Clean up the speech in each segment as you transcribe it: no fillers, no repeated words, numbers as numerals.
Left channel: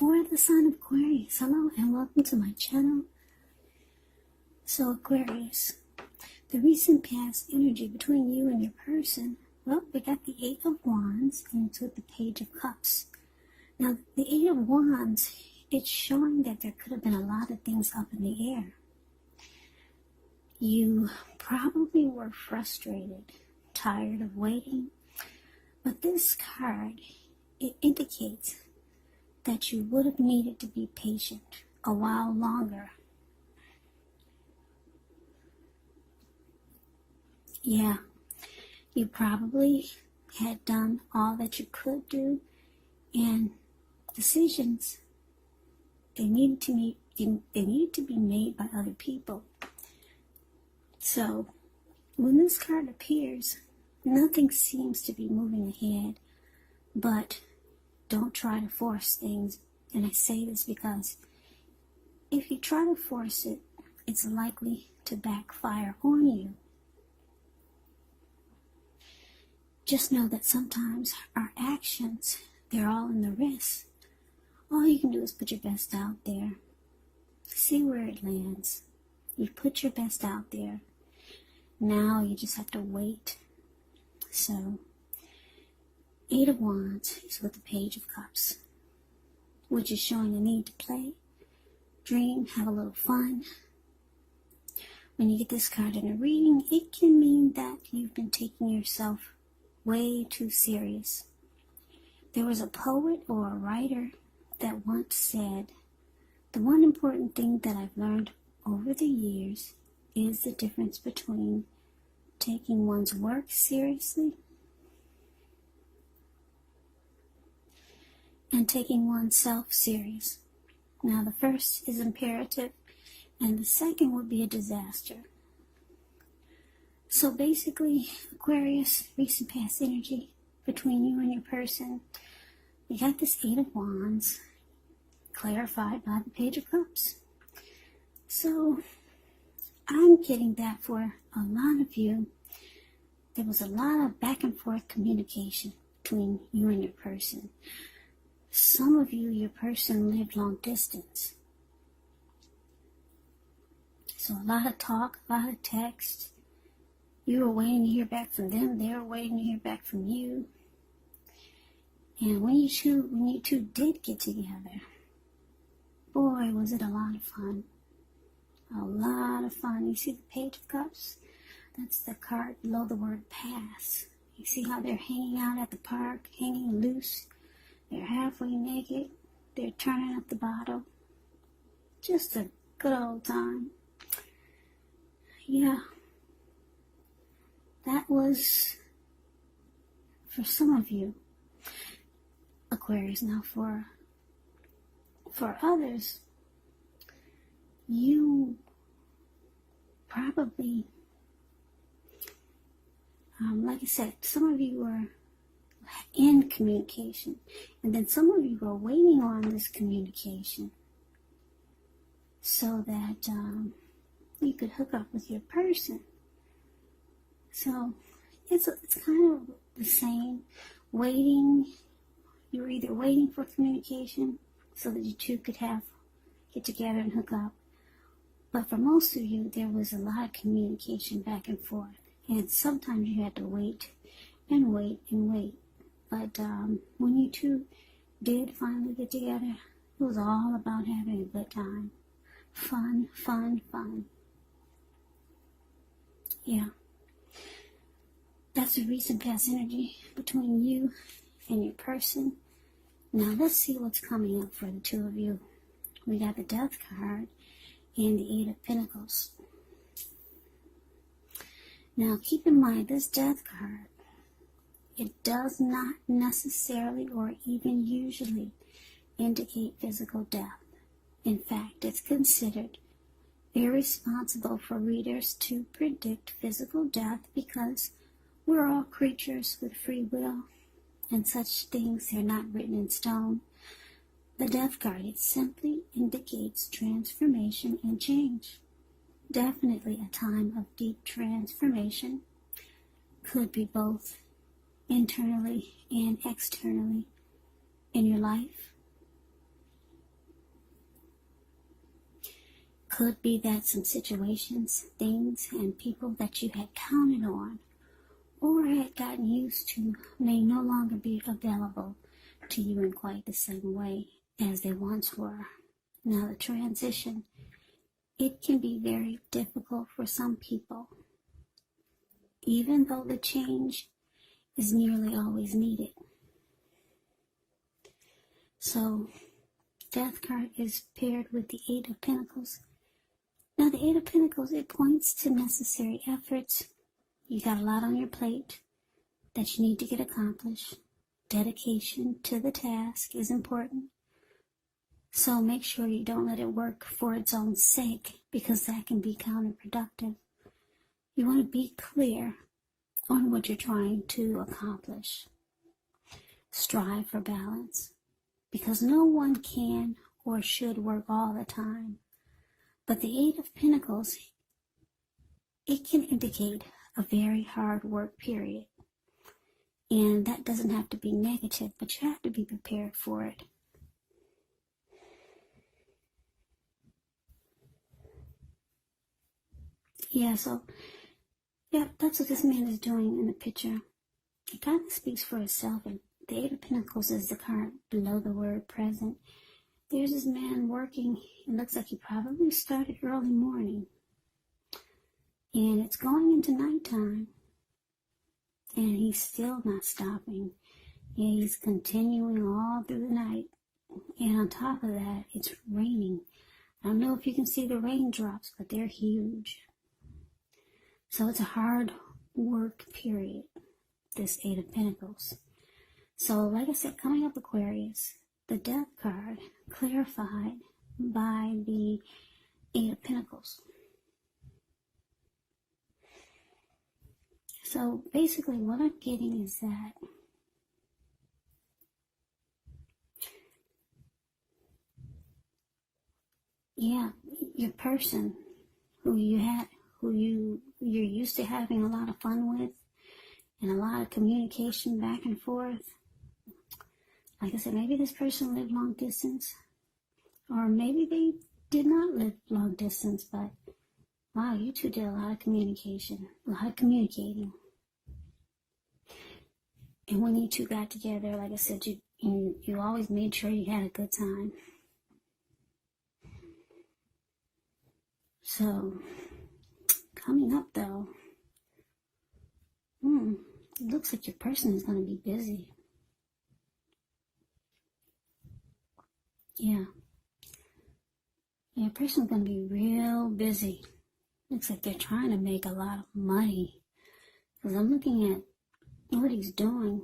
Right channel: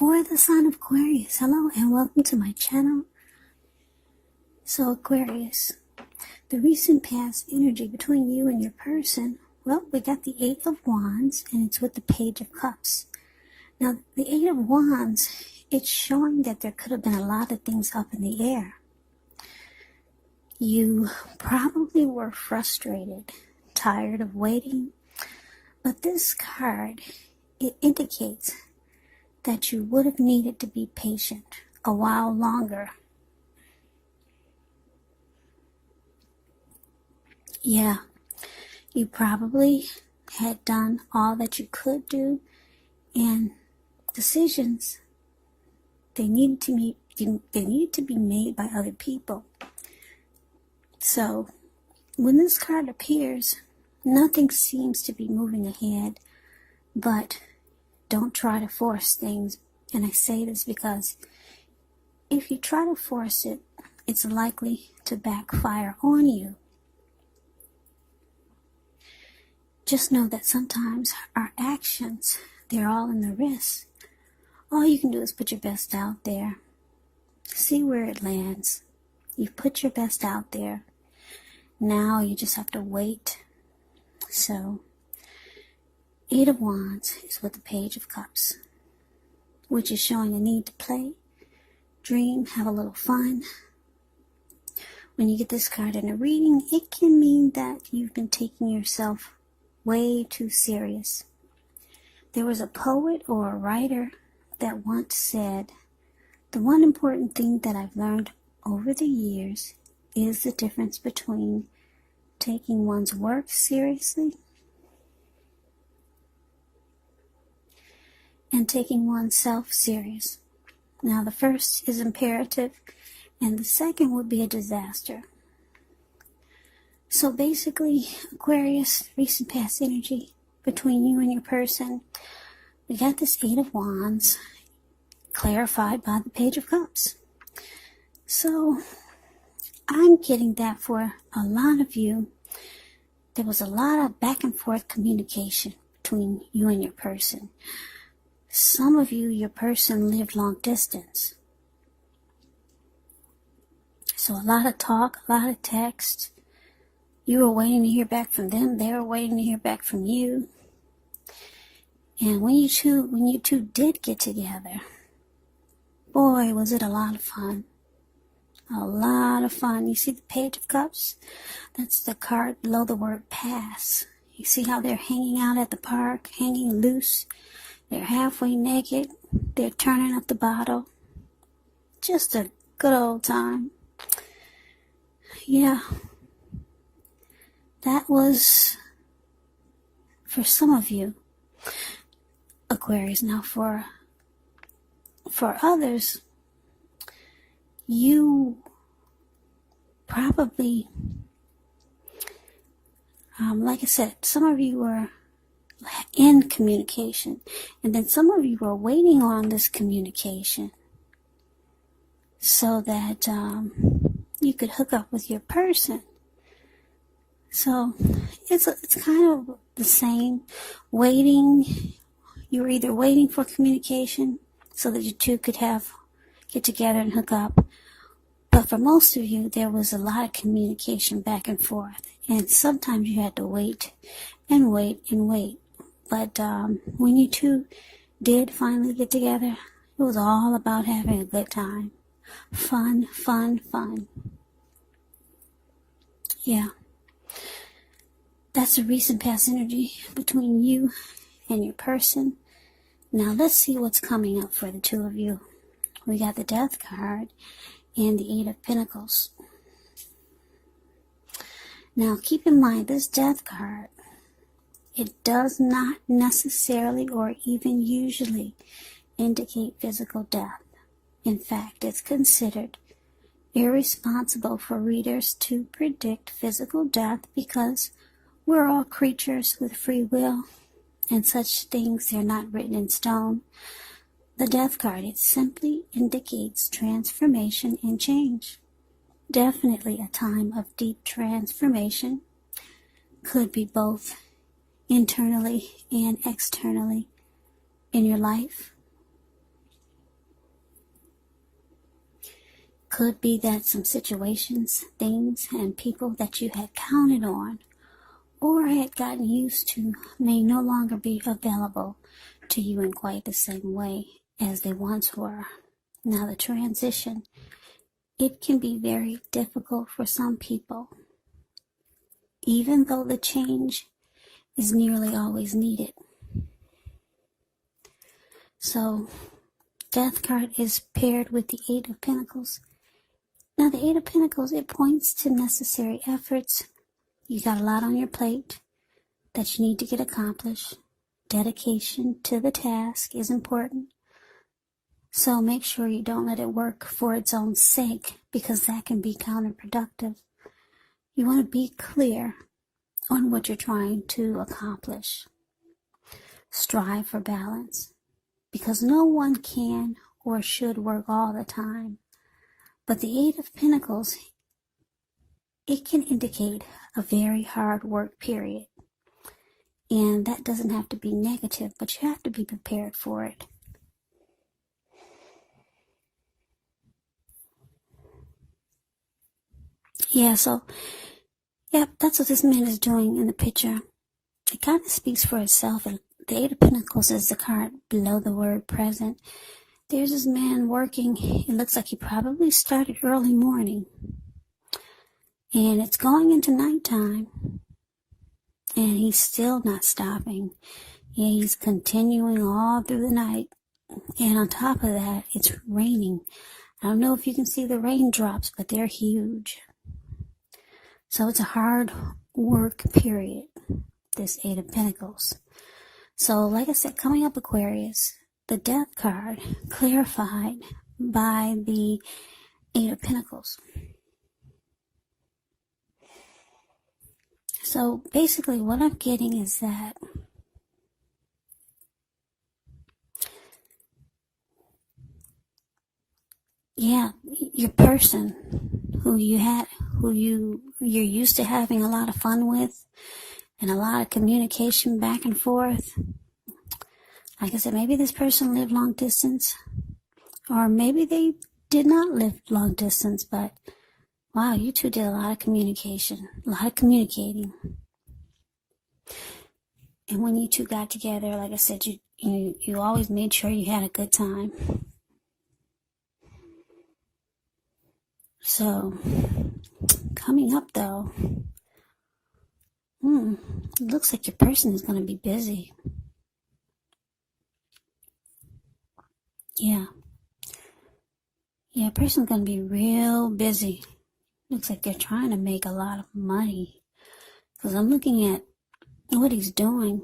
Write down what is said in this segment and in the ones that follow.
For the sign of Aquarius, hello and welcome to my channel. So Aquarius, the recent past energy between you and your person, well, we got the Eight of Wands and it's with the Page of Cups. Now, the Eight of Wands, it's showing that there could have been a lot of things up in the air. You probably were frustrated, tired of waiting, but this card, it indicates that you would have needed to be patient a while longer. Yeah, you probably had done all that you could do, and decisions, they needed to be made by other people. So when this card appears, nothing seems to be moving ahead, but don't try to force things. And I say this because if you try to force it, it's likely to backfire on you. Just know that sometimes our actions, they're all in the wrist. All you can do is put your best out there. See where it lands. You've put your best out there. Now you just have to wait. So, Eight of Wands is with the Page of Cups, which is showing a need to play, dream, have a little fun. When you get this card in a reading, it can mean that you've been taking yourself way too serious. There was a poet or a writer that once said, "The one important thing that I've learned over the years is the difference between taking one's work seriously and taking oneself serious." Now, the first is imperative, and the second would be a disaster. So basically, Aquarius, recent past energy between you and your person, we got this Eight of Wands clarified by the Page of Cups. So I'm getting that for a lot of you, there was a lot of back and forth communication between you and your person. Some of you, your person lived long distance. So a lot of talk, a lot of text. You were waiting to hear back from them. They were waiting to hear back from you. And when you two did get together, boy, was it a lot of fun. A lot of fun. You see the Page of Cups? That's the card below the word pass. You see how they're hanging out at the park, hanging loose. They're halfway naked. They're turning up the bottle. Just a good old time. Yeah. That was for some of you, Aquarius. Now for others, you probably, like I said, some of you were in communication, and then some of you were waiting on this communication so that you could hook up with your person. So it's kind of the same. Waiting, you were either waiting for communication so that you two could get together and hook up. But for most of you, there was a lot of communication back and forth. And sometimes you had to wait and wait and wait. But when you two did finally get together, it was all about having a good time. Fun, fun, fun. Yeah. That's the recent past energy between you and your person. Now let's see what's coming up for the two of you. We got the Death card and the Eight of Pentacles. Now keep in mind, this Death card, it does not necessarily or even usually indicate physical death. In fact, it's considered irresponsible for readers to predict physical death because we're all creatures with free will, and such things, they're not written in stone. The Death card, it simply indicates transformation and change. Definitely a time of deep transformation. Could be both internally and externally in your life. Could be that some situations, things, and people that you had counted on or had gotten used to may no longer be available to you in quite the same way as they once were. Now the transition, it can be very difficult for some people, even though the change is nearly always needed. So, Death card is paired with the Eight of Pentacles. Now the Eight of Pentacles, it points to necessary efforts. You got a lot on your plate that you need to get accomplished. Dedication to the task is important. So make sure you don't let it work for its own sake, because that can be counterproductive. You want to be clear on what you're trying to accomplish. Strive for balance, because no one can or should work all the time. But the Eight of Pentacles, it can indicate a very hard work period. And that doesn't have to be negative, but you have to be prepared for it. Yeah, so, that's what this man is doing in the picture. It kind of speaks for itself. And the Eight of Pentacles is the card below the word present. There's this man working. It looks like he probably started early morning. And it's going into nighttime. And he's still not stopping. Yeah, he's continuing all through the night. And on top of that, it's raining. I don't know if you can see the raindrops, but they're huge. So it's a hard work period, this Eight of Pentacles. So like I said, coming up, Aquarius, the Death card clarified by the Eight of Pentacles. So basically what I'm getting is that your person who you're used to having a lot of fun with and a lot of communication back and forth. Like I said, maybe this person lived long distance, or maybe they did not live long distance, but wow, you two did a lot of communication, a lot of communicating. And when you two got together, like I said, you always made sure you had a good time. So, coming up though, it looks like your person is going to be busy. Yeah, a person's going to be real busy. Looks like they're trying to make a lot of money. Because I'm looking at what he's doing.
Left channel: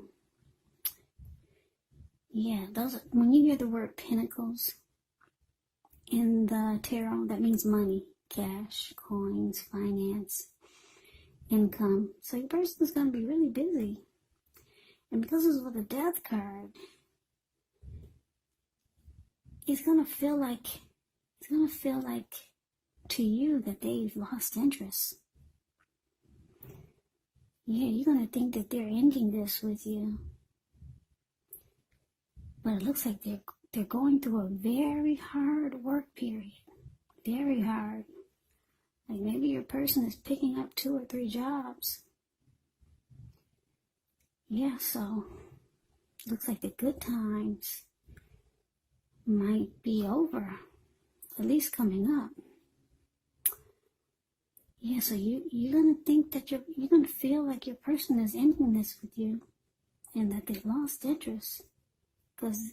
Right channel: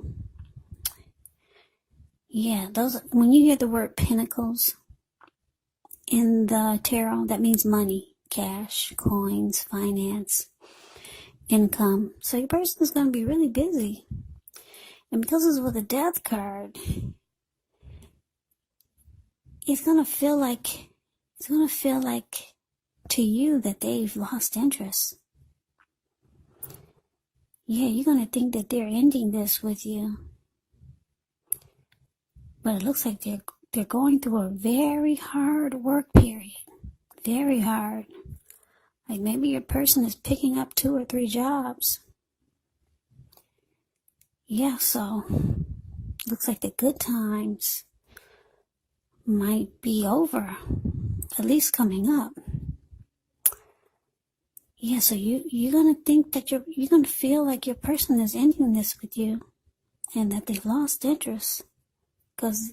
Yeah, when you hear the word pentacles in the tarot, that means money, cash, coins, finance, income. So your person's going to be really busy. And because it's with a Death card, it's going to feel like to you that they've lost interest. Yeah, you're going to think that they're ending this with you. But it looks like they're going through a very hard work period. Very hard. Like maybe your person is picking up 2 or 3 jobs. Yeah, so looks like the good times might be over. At least coming up. Yeah, so you're going to think that you're going to feel like your person is ending this with you. And that they've lost interest. Because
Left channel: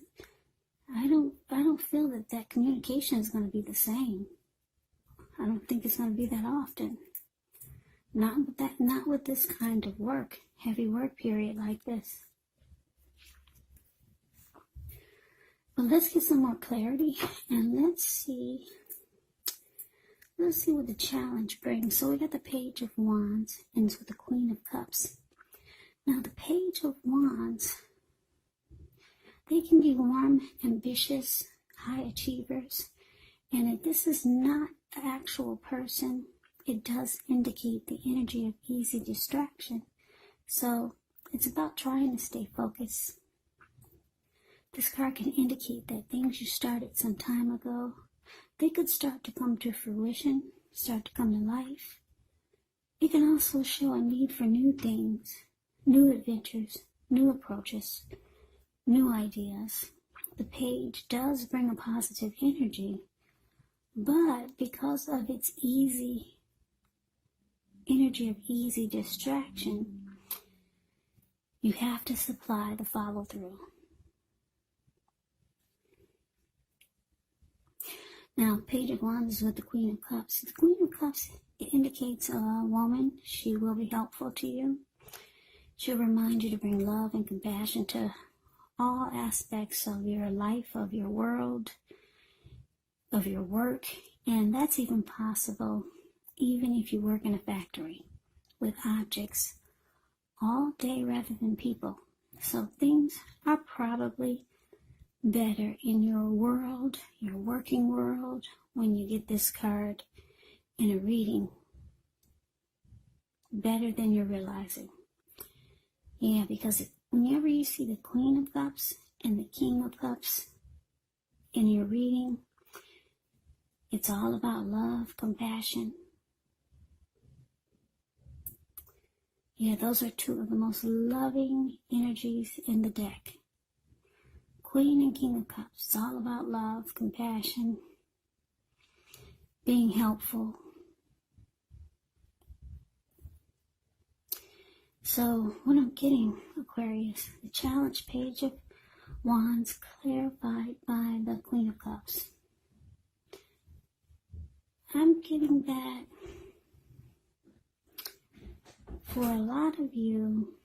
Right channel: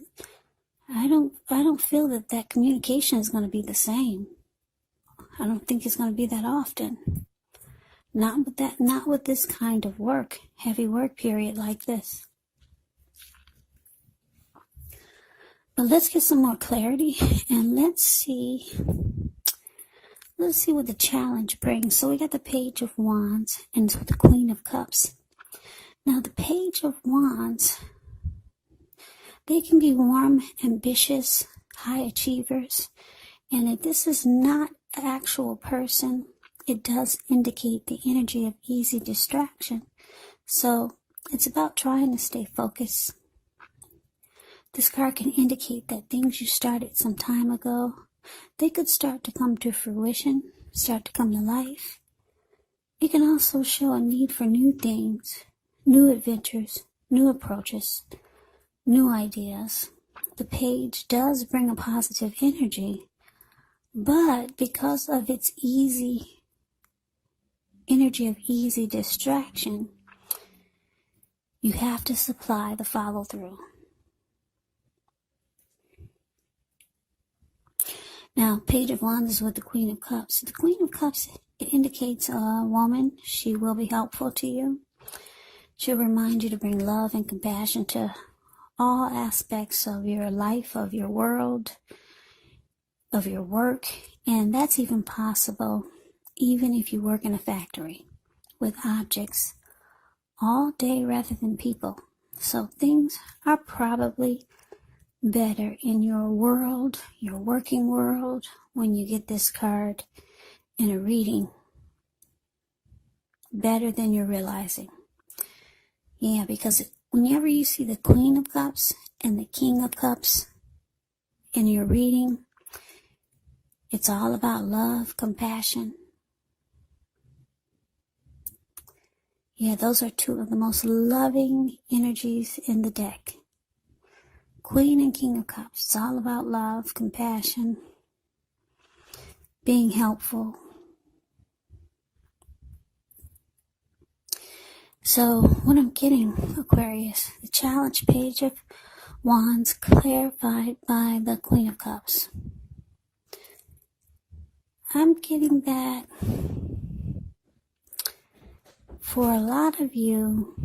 I don't feel that communication is going to be the same. I don't think it's going to be that often. Not with this kind of work, heavy work period like this. But let's get some more clarity and let's see what the challenge brings. So we got the Page of Wands and so the Queen of Cups. Now the Page of Wands, they can be warm, ambitious, high achievers. And if this is not an actual person, it does indicate the energy of easy distraction. So it's about trying to stay focused. This card can indicate that things you started some time ago they could start to come to fruition, start to come to life. It can also show a need for new things, new adventures, new approaches, new ideas. The page does bring a positive energy, but because of its energy of easy distraction, you have to supply the follow through. Now, Page of Wands is with the Queen of Cups. The Queen of Cups, it indicates a woman. She will be helpful to you. She'll remind you to bring love and compassion to all aspects of your life, of your world, of your work. And that's even possible even if you work in a factory with objects all day rather than people. So things are probably better in your world, your working world, when you get this card in a reading. Better than you're realizing. Yeah, because whenever you see the Queen of Cups and the King of Cups in your reading, it's all about love, compassion. Yeah, those are two of the most loving energies in the deck. Queen and King of Cups. It's all about love, compassion, being helpful. So, what I'm getting, Aquarius, the challenge Page of Wands clarified by the Queen of Cups. I'm getting that for a lot of you,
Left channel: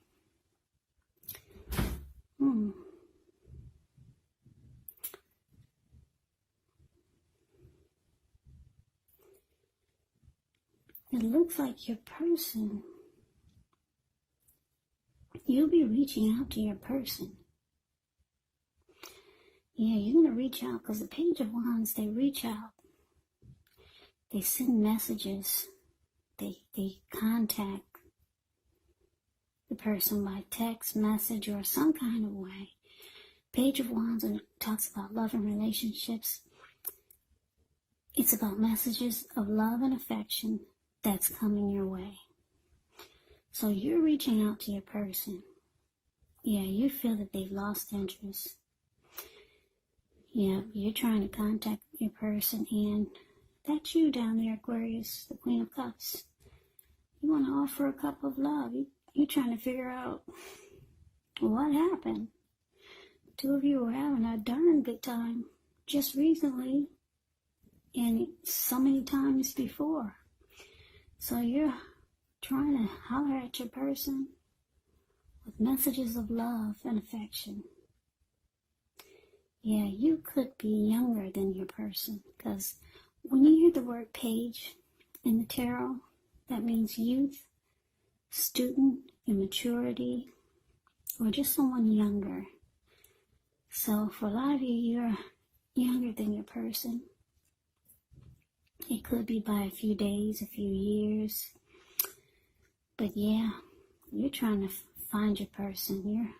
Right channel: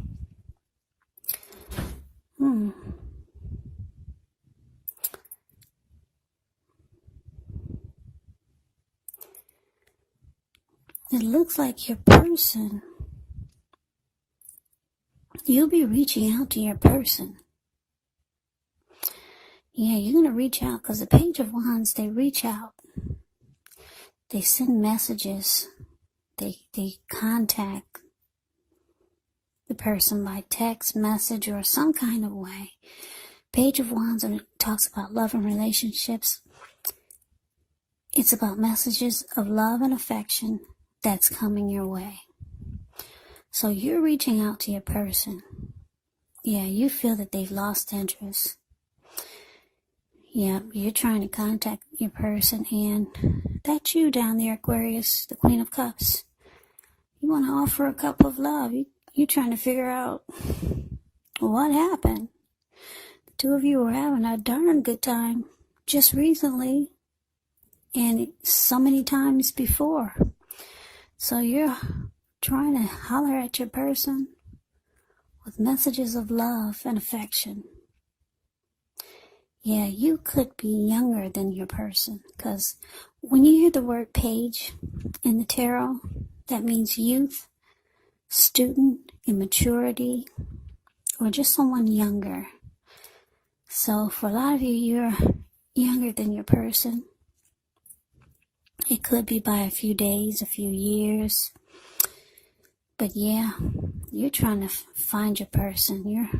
it looks like your person, you'll be reaching out to your person. Yeah, you're going to reach out because the Page of Wands, they reach out. They send messages. They contact the person by text message or some kind of way. Page of Wands, and it talks about love and relationships. It's about messages of love and affection that's coming your way. So you're reaching out to your person. Yeah, you feel that they've lost interest. Yeah, you're trying to contact your person, and that's you down there, Aquarius, the Queen of Cups. You want to offer a cup of love. You're trying to figure out what happened. The two of you were having a darn good time just recently and so many times before. So you're trying to holler at your person with messages of love and affection. Yeah, you could be younger than your person, because when you hear the word page in the tarot, that means youth, student, immaturity, or just someone younger. So for a lot of you, you're younger than your person. It could be by a few days, a few years. But yeah, you're trying to find your person.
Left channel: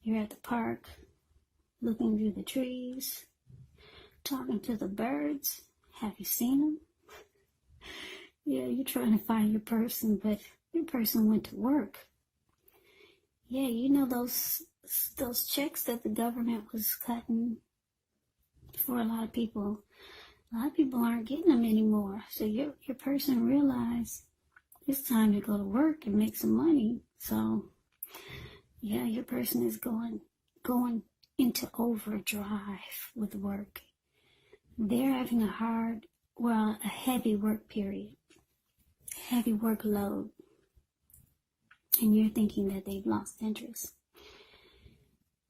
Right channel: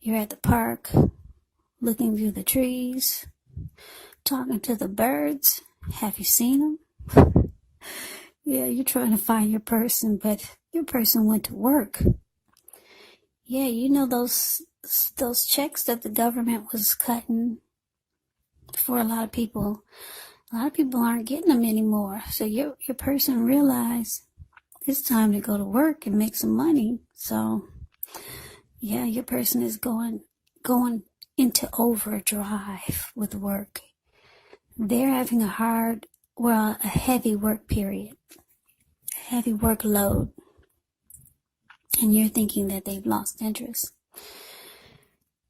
You're at the park, looking through the trees, talking to the birds. Have you seen them? Yeah, you're trying to find your person, but your person went to work. Yeah, you know those checks that the government was cutting for a lot of people. A lot of people aren't getting them anymore. So your person realized it's time to go to work and make some money. So yeah, your person is going into overdrive with work. They're having a heavy work period, a heavy workload. And you're thinking that they've lost interest.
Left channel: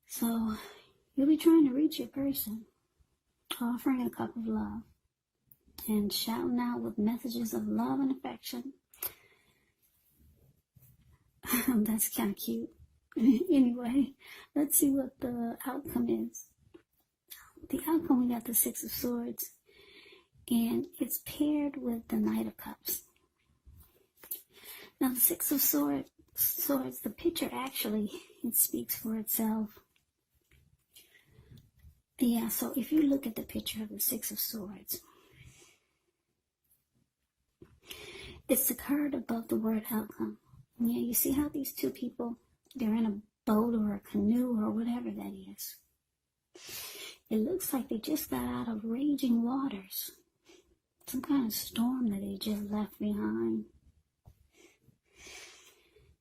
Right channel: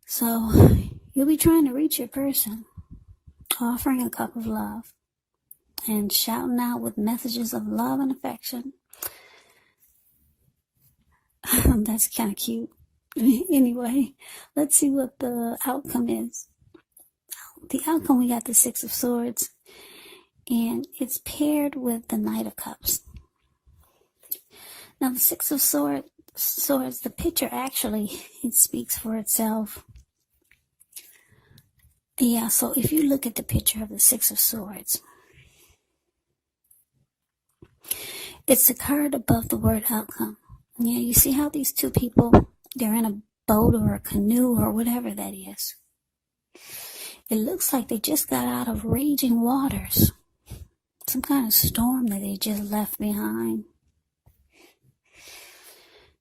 So you'll be trying to reach your person, offering a cup of love and shouting out with messages of love and affection. That's kind of cute. Anyway, let's see what the outcome is. The outcome, we got the Six of Swords, and it's paired with the Knight of Cups. Now, the Six of Swords, the picture actually, it speaks for itself. Yeah, so if you look at the picture of the Six of Swords, it's the card above the word outcome. Yeah, you see how these two people, they're in a boat or a canoe or whatever that is. It looks like they just got out of raging waters. Some kind of storm that they just left behind.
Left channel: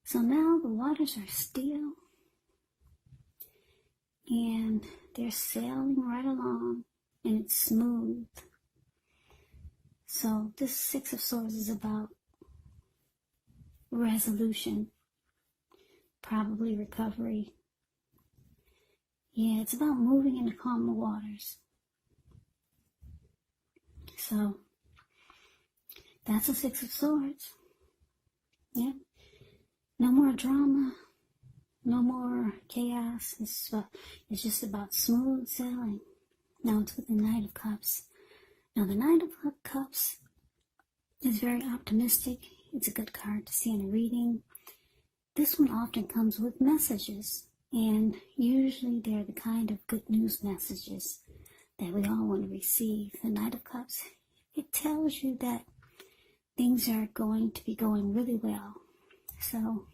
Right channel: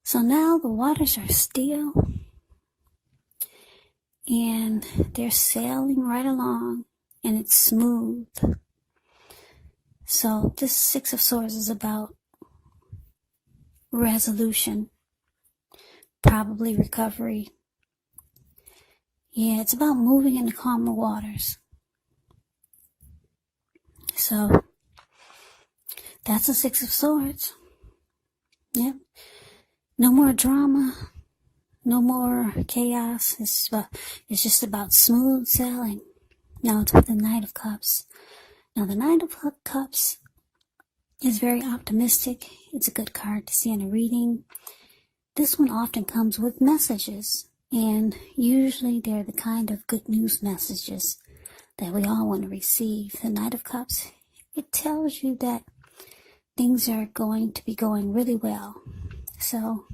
So now the waters are still and they're sailing right along and it's smooth. So this Six of Swords is about resolution, probably recovery. Yeah, it's about moving into calmer waters. So that's a Six of Swords. Yep. No more drama. No more chaos. It's just about smooth sailing. Now it's with the Knight of Cups. Now the Knight of Cups is very optimistic. It's a good card to see in a reading. This one often comes with messages. And usually they're the kind of good news messages that we all want to receive. The Knight of Cups, it tells you that things are going to be going really well. So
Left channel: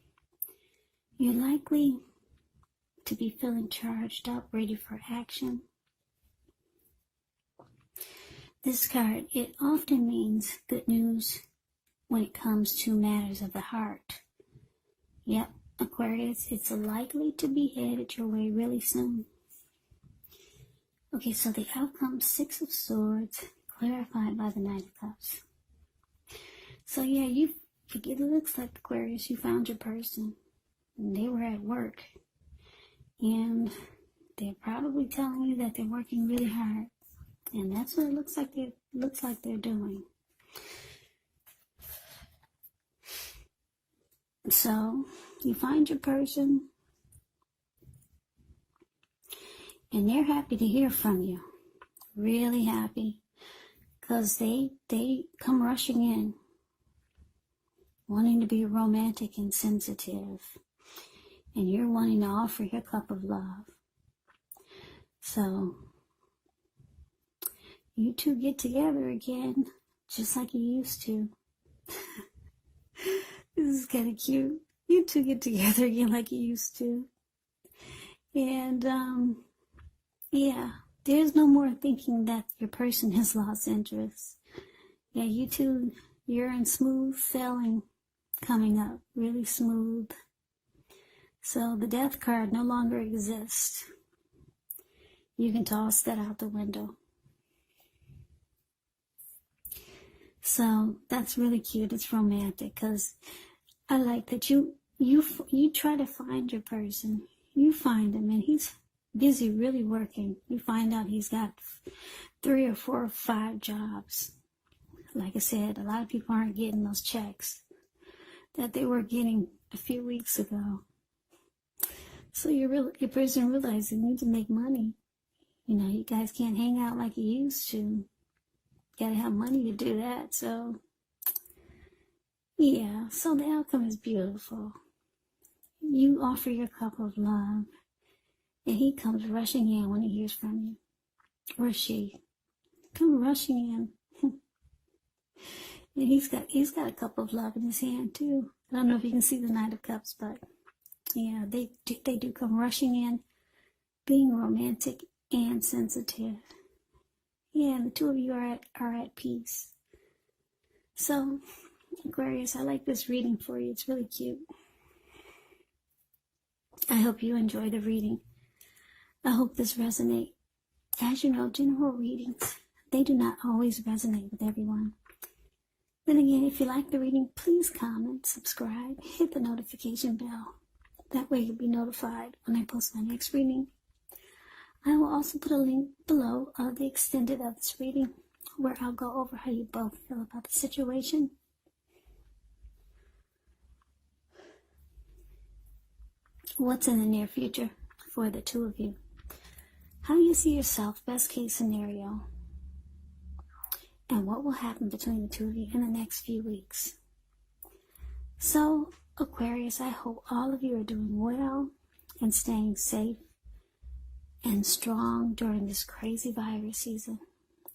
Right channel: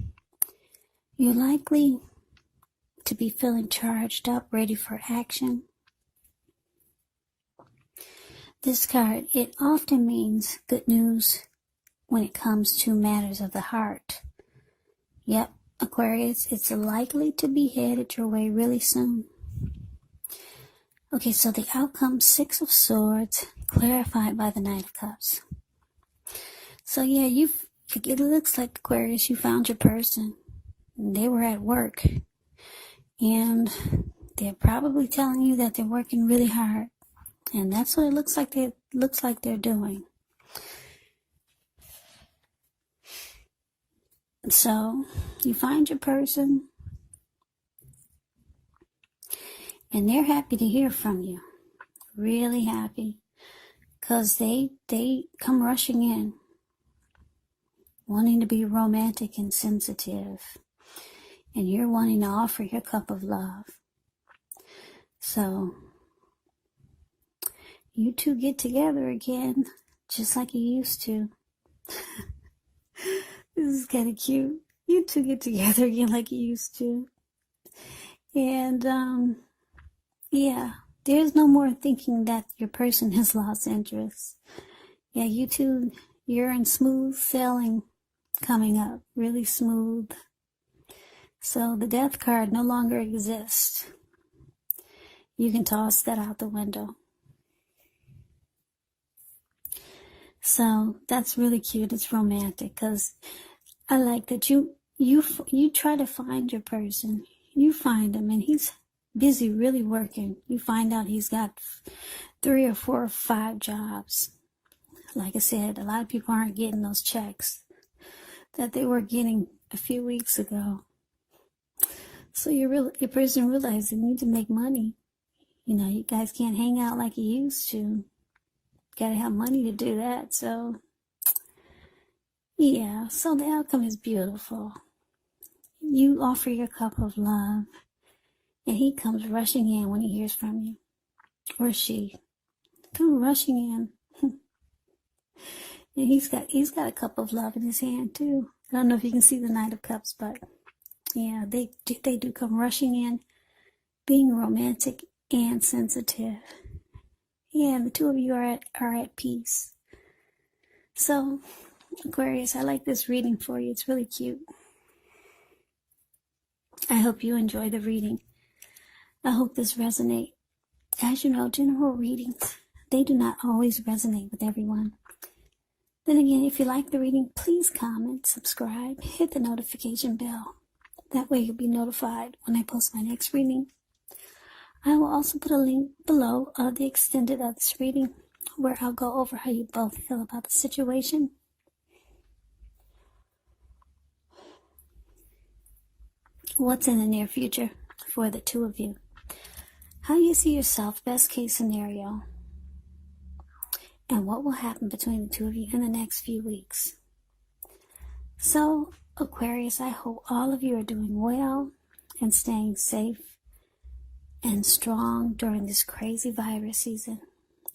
you're likely to be feeling charged up, ready for action. This card, it often means good news when it comes to matters of the heart. Yep, Aquarius, it's likely to be headed your way really soon. Okay, so the outcome, Six of Swords, clarified by the Knight of Cups. So yeah, it looks like, Aquarius, you found your person. They were at work. And they're probably telling you that they're working really hard. And that's what it looks like they're doing. So you find your person. And they're happy to hear from you. Really happy. Because they come rushing in. Wanting to be romantic and sensitive. And you're wanting to offer your cup of love. So you two get together again, just like you used to. This is kind of cute. You two get together again like you used to. And, yeah, there's no more thinking that your person has lost interest. Yeah, you two, you're in smooth sailing coming up, really smooth. So the Death card no longer exists. You can toss that out the window. So that's really cute. It's romantic because I like that you try to find your person. You find him and he's busy really working. You find out he's got 3 or 4 or 5 jobs. Like I said, a lot of people aren't getting those checks that they were getting a few weeks ago. So your person realizes they need to make money. You know, you guys can't hang out like you used to. Gotta have money to do that. So yeah, so the outcome is beautiful. You offer your cup of love, and he comes rushing in when he hears from you, or she comes rushing in. And he's got a cup of love in his hand too. I don't know if you can see the Knight of Cups, but yeah, they do come rushing in, being romantic and sensitive. Yeah, and the two of you are at peace. So, Aquarius, I like this reading for you. It's really cute. I hope you enjoy the reading. I hope this resonates. As you know, general readings, they do not always resonate with everyone. Then again, if you like the reading, please comment, subscribe, hit the notification bell. That way you'll be notified when I post my next reading. I will also put a link below of the extended of this reading where I'll go over how you both feel about the situation. What's in the near future for the two of you? How you see yourself, best case scenario. And what will happen between the two of you in the next few weeks. So, Aquarius, I hope all of you are doing well and staying safe and strong during this crazy virus season.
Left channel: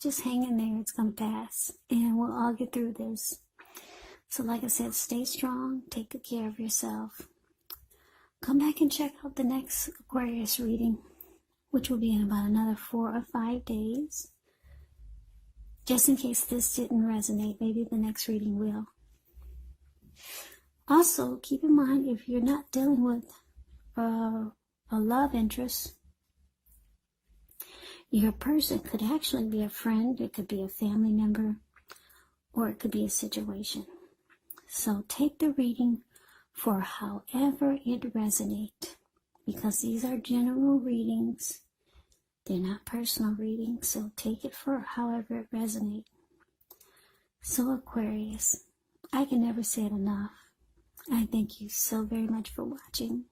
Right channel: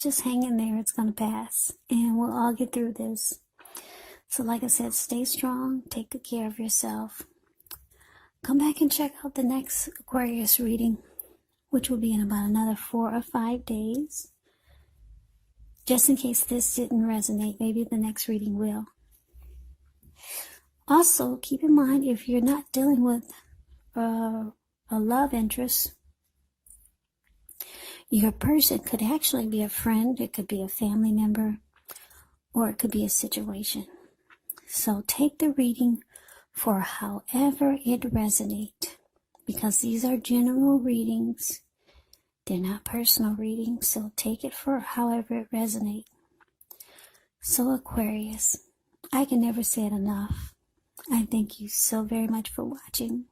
Just hang in there. It's going to pass. And we'll all get through this. So like I said, stay strong. Take good care of yourself. Come back and check out the next Aquarius reading, which will be in about another 4 or 5 days. Just in case this didn't resonate, maybe the next reading will. Also, keep in mind, if you're not dealing with a love interest, your person could actually be a friend, it could be a family member, or it could be a situation. So take the reading for however it resonates, because these are general readings. They're not personal readings, so take it for however it resonates. So Aquarius, I can never say it enough. I thank you so very much for watching.